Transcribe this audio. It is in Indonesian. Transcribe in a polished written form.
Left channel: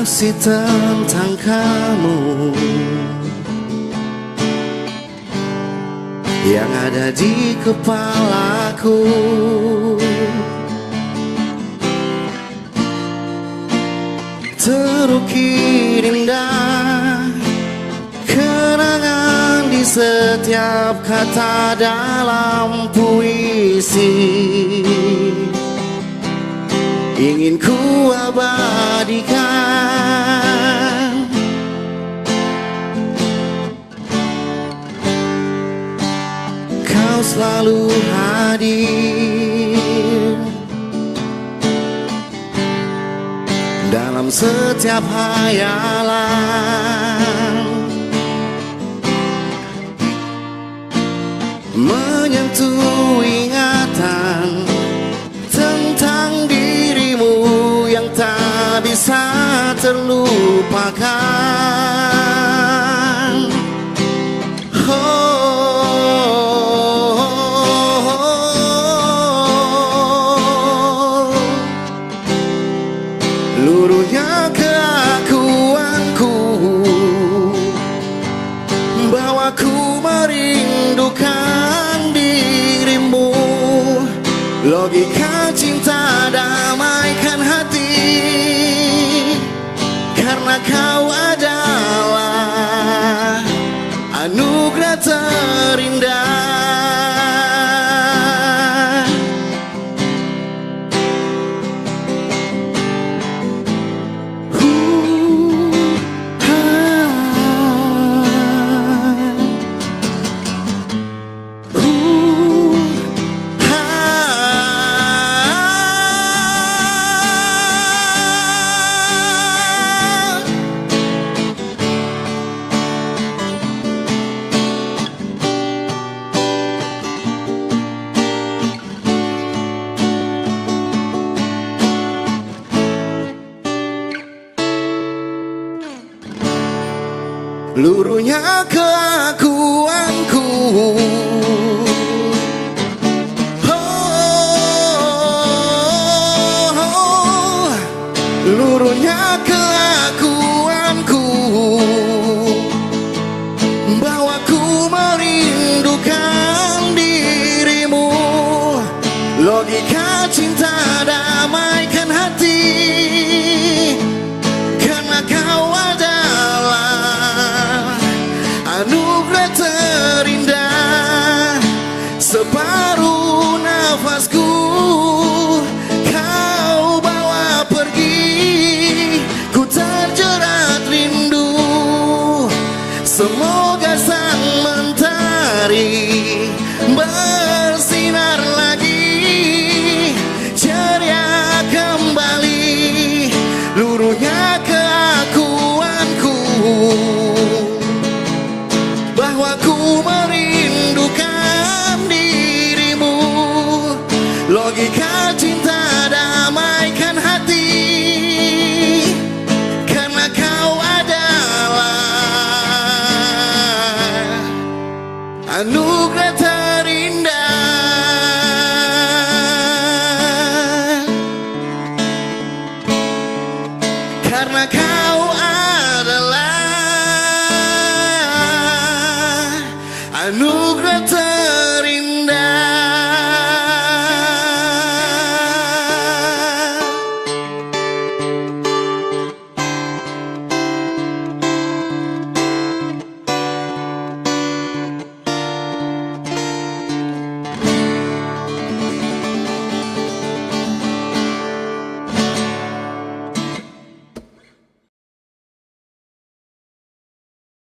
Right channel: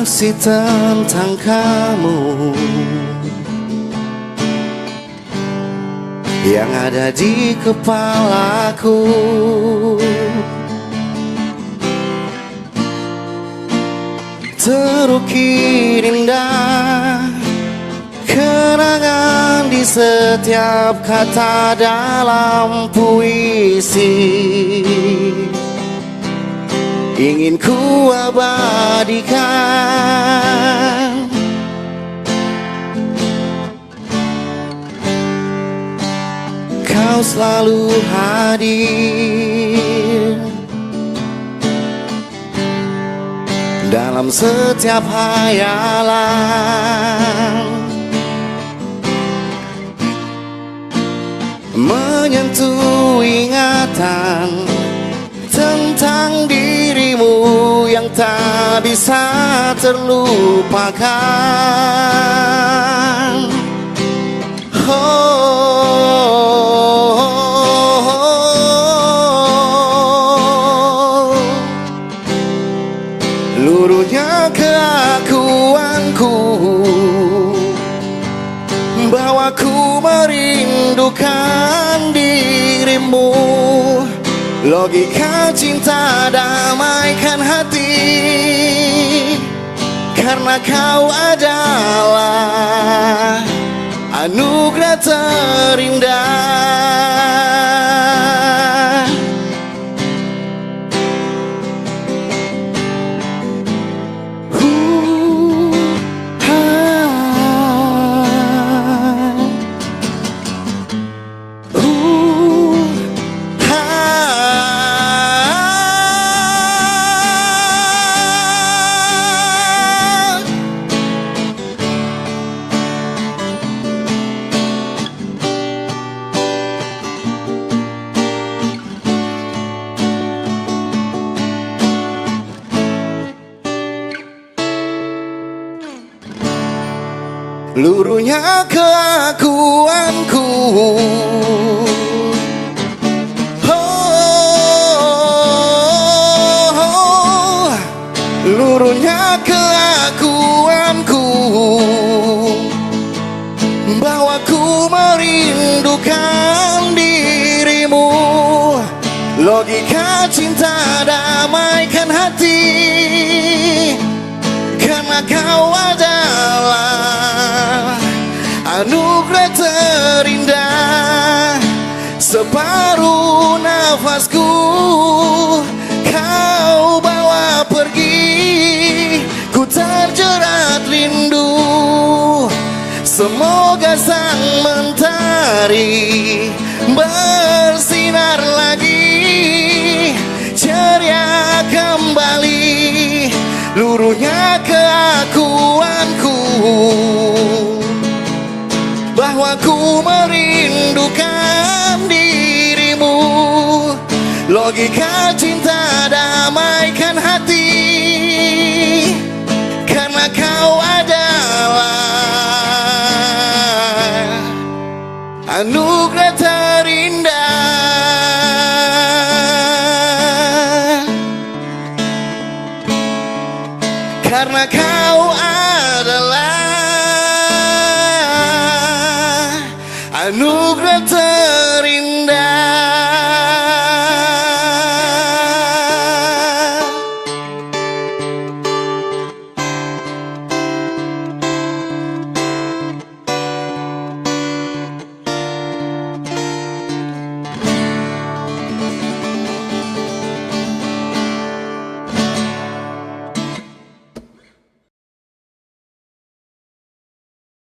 masih tentang kamu yang ada di kepalaku. Terukir indah kenangan di setiap kata dalam puisi, ingin ku abadikan. Kau selalu hadir dalam setiap hayalan, menyentuh ingatan tentang dirimu yang tak bisa terlupakan. Luruhnya keakuanku bahwa ku merindukan dirimu. Logika cinta damaikan hati, karena kau adalah anugerah terindah. Luruhnya keakuanku, luruhnya keakuanku bahwa ku merindukan dirimu. Logika cinta damaikan hati, karena kau adalah anugerah terindah. Separuh nafasku kau bawa pergi, ku terjerat rindu. Semoga sang mentari bersinar lagi, ceria kembali. Luruhnya keakuanku bahwa ku merindukan dirimu. Logika cinta damaikan hati, karena kau adalah anugerah terindah. Karena kau adalah anugerah